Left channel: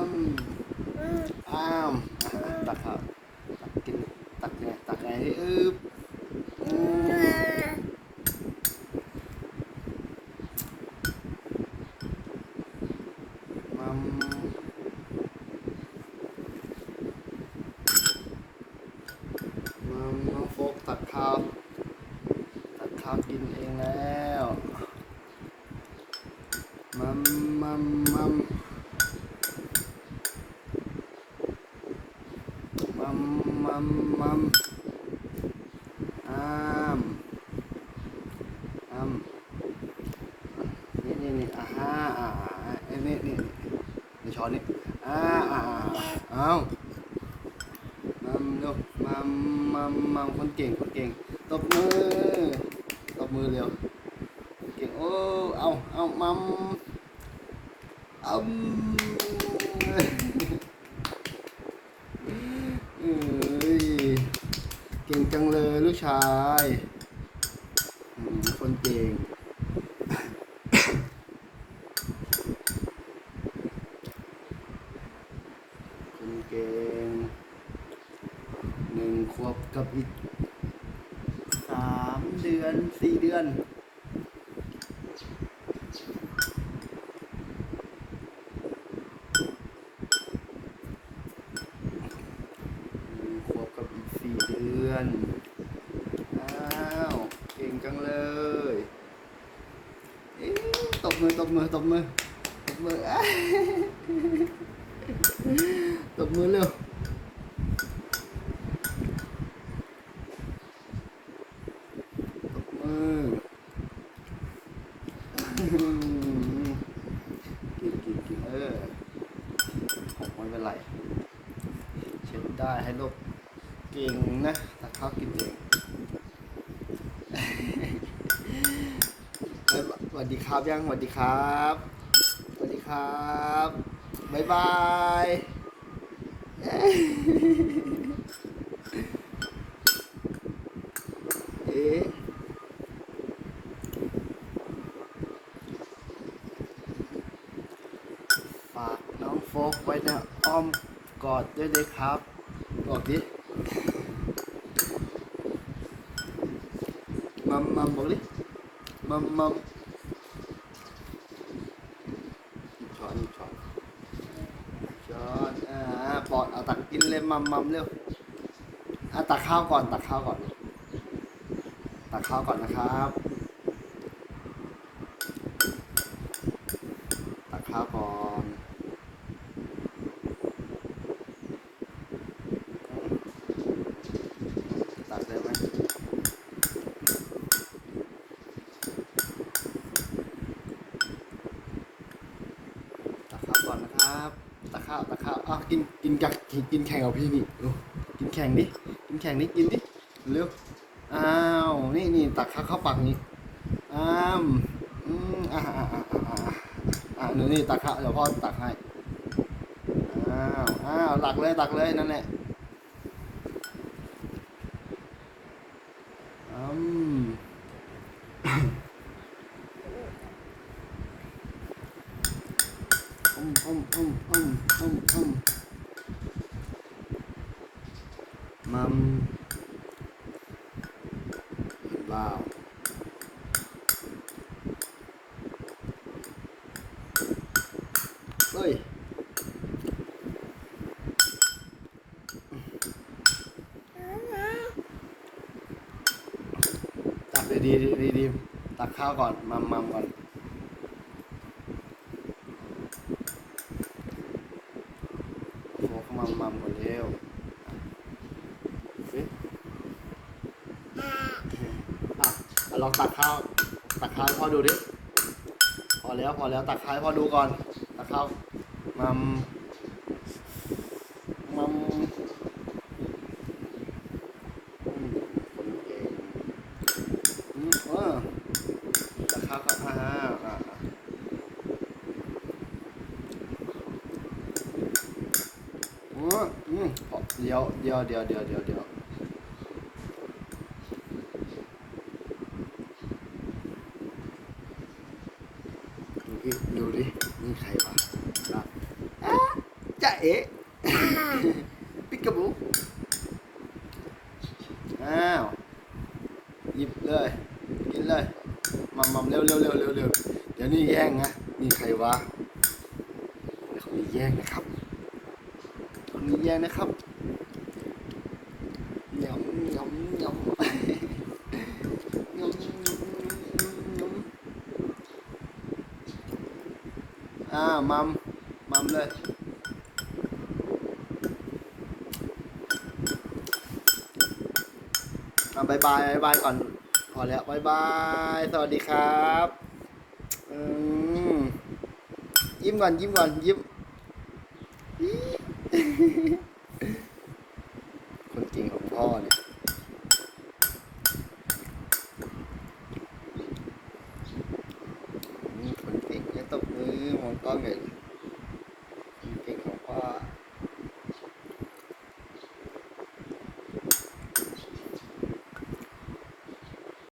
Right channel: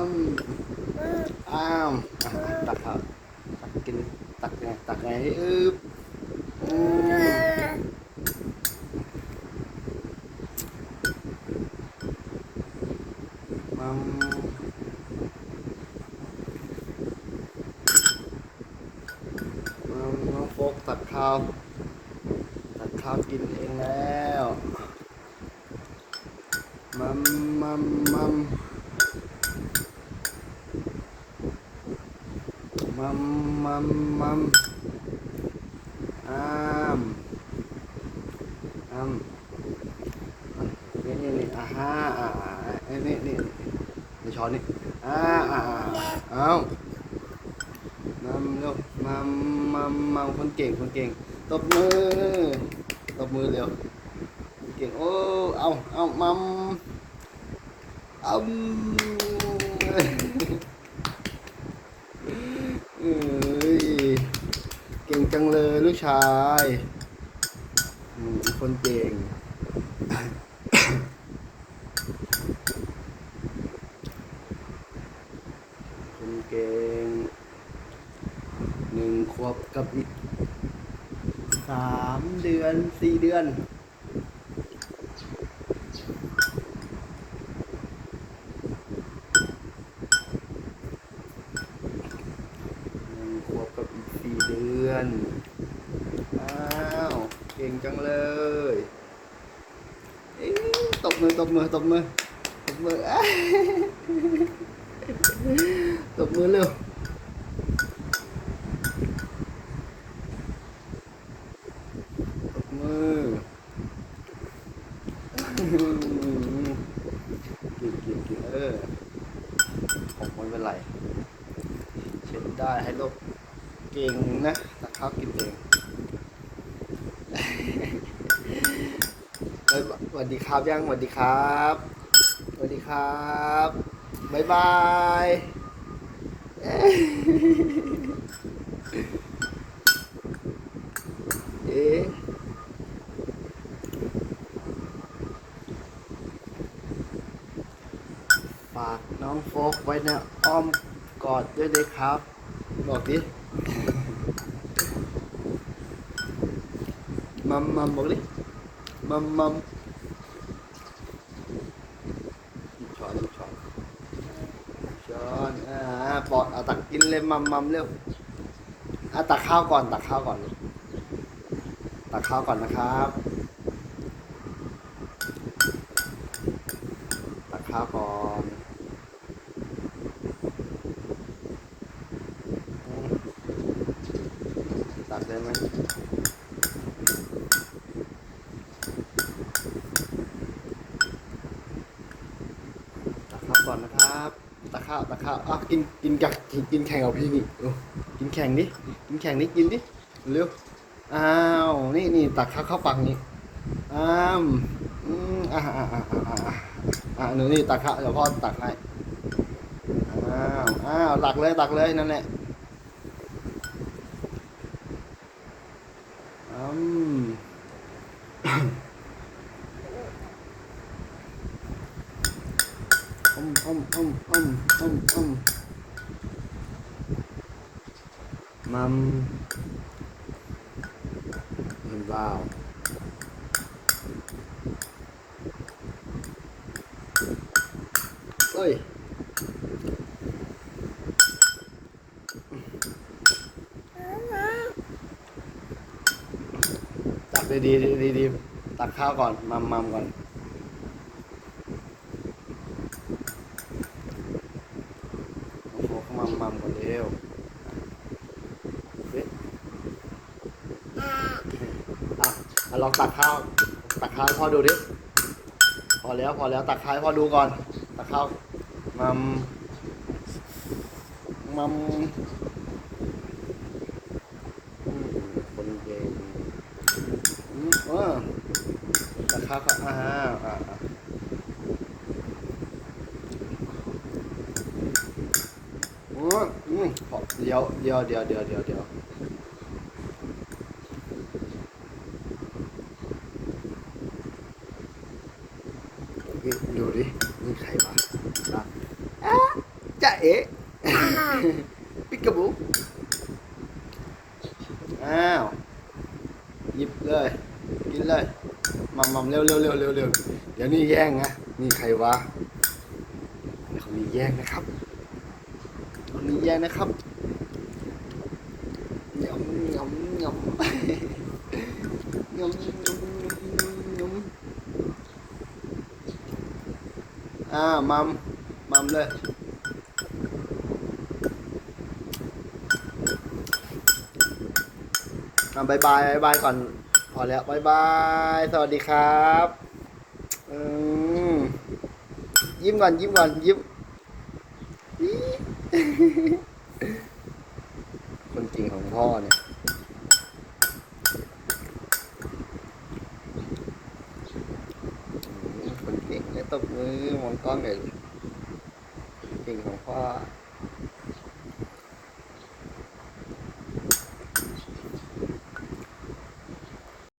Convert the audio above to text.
อ้ามอ้ามอะตักข้าวตักกินตักไงตักไงให้อึบอืมมัมอืมน้องโฟกตักข้าวตักข้าวกินเองแล้ว มัมมมัมมัมมัมอ้ามอ้ามนี่นี่นี่อ่าฮะอ่าอ่านี่นี่นี่นี่ช้อนนี่อ่าอ่าอ่าเอามัมเร็วมัมมัมมัมคน เก่งคนเก่งตบมือตบมือเร็วคนเก่งโอ้เอาเอามัมเอาเอ้ยเก่งจังเลยลูกชายอืมคนเก่งคนเก่งหนึ่งขวบกับอีก สามเดือนสี่เดือนหนึ่งขวบกับอีกสี่เดือนอ้าวเก่งจังเลยตบมือตบมือตบมือตบมือตบมือเร็วตบมือ กินกินกินเออไม่เป็นไรเช็ดได้ให้ลูกเก่งนะถ้าข้าวกินเองเอ้ยสวัสดีครับยังสวัสดีครับสวัสดีครับบ๊ายบายเอ๊ะเอ๊ะฝากน้องโฟ กไว้ในอ้อมกอดด้วยเลยครับกอดดิมัมมัมบอกดิมัมมัมช้อนช้อนช้อนอ่าปอดเอาตักกินเลยมัมมัมเร็วอะตักข้าวก่อนตักข้าวก่อน ตักข้าวก่อนนะครับ ตักข้าวก่อนตักเลยนะ ตักข้าวก่อนนะครับตักข้าวตั กินกินกับกินแข่งกับพี่นี่เร็วกินแข่งดิกินแข่งดิกินดิเร็วอ้าวนี่นี่ตักข้าวเข้าปากนี่อ้ามอืมอ่าอ่าอ่าอ่าอ่าอ่าหนูนี่ตักข้าวเดี๋ยวพ่อตักให้อ้าวอ้าวตักเลยตักเลยนั่นแหละอืมอืมอืมอืมอืมอืมอื มัมเห็นบ้าเฮ้ยตักดีดีดีดีตักข้าวก่อนมัมมัมก่อนโฟกมัมมัมกันเร็วเอ๊ะอะเอา ลองตักข้าว ตักข้าวให้พ่อดูดิพอแล้วพอแล้วตักข้าวให้พ่อดูก่อน ตักข้าวมัมมัมอืมคนเก่งอืมเออตักข้าวครับอ่าอ่าโอ้อืมเดี๋ยวเดี๋ยวเดี๋ยวเดี๋ยวเดี๋ยว เดี๋ยวนี่ดูดินี่ใครวะอ๊ะจ๊ะเอ๋ปิกกะบูอ้าวหยิบเลย กินเลยมามาเร็วเร็วเร็วเร็วเร็วเดี๋ยวนี่แย่งนะนี่ใครวะเขามีแย่งนะครับมีแย่งนะครับยำยำยำยำยำยำอ่า มัมมัมเลยอ่าบายบายบายบายก่อนพอแล้วบายบาย สวัสดีครับอืมยิ้มก่อนยิ้มก่อนยิ้มคนจริงของพ่อเนี่ย อืม คนเก่งเนี่ยตบ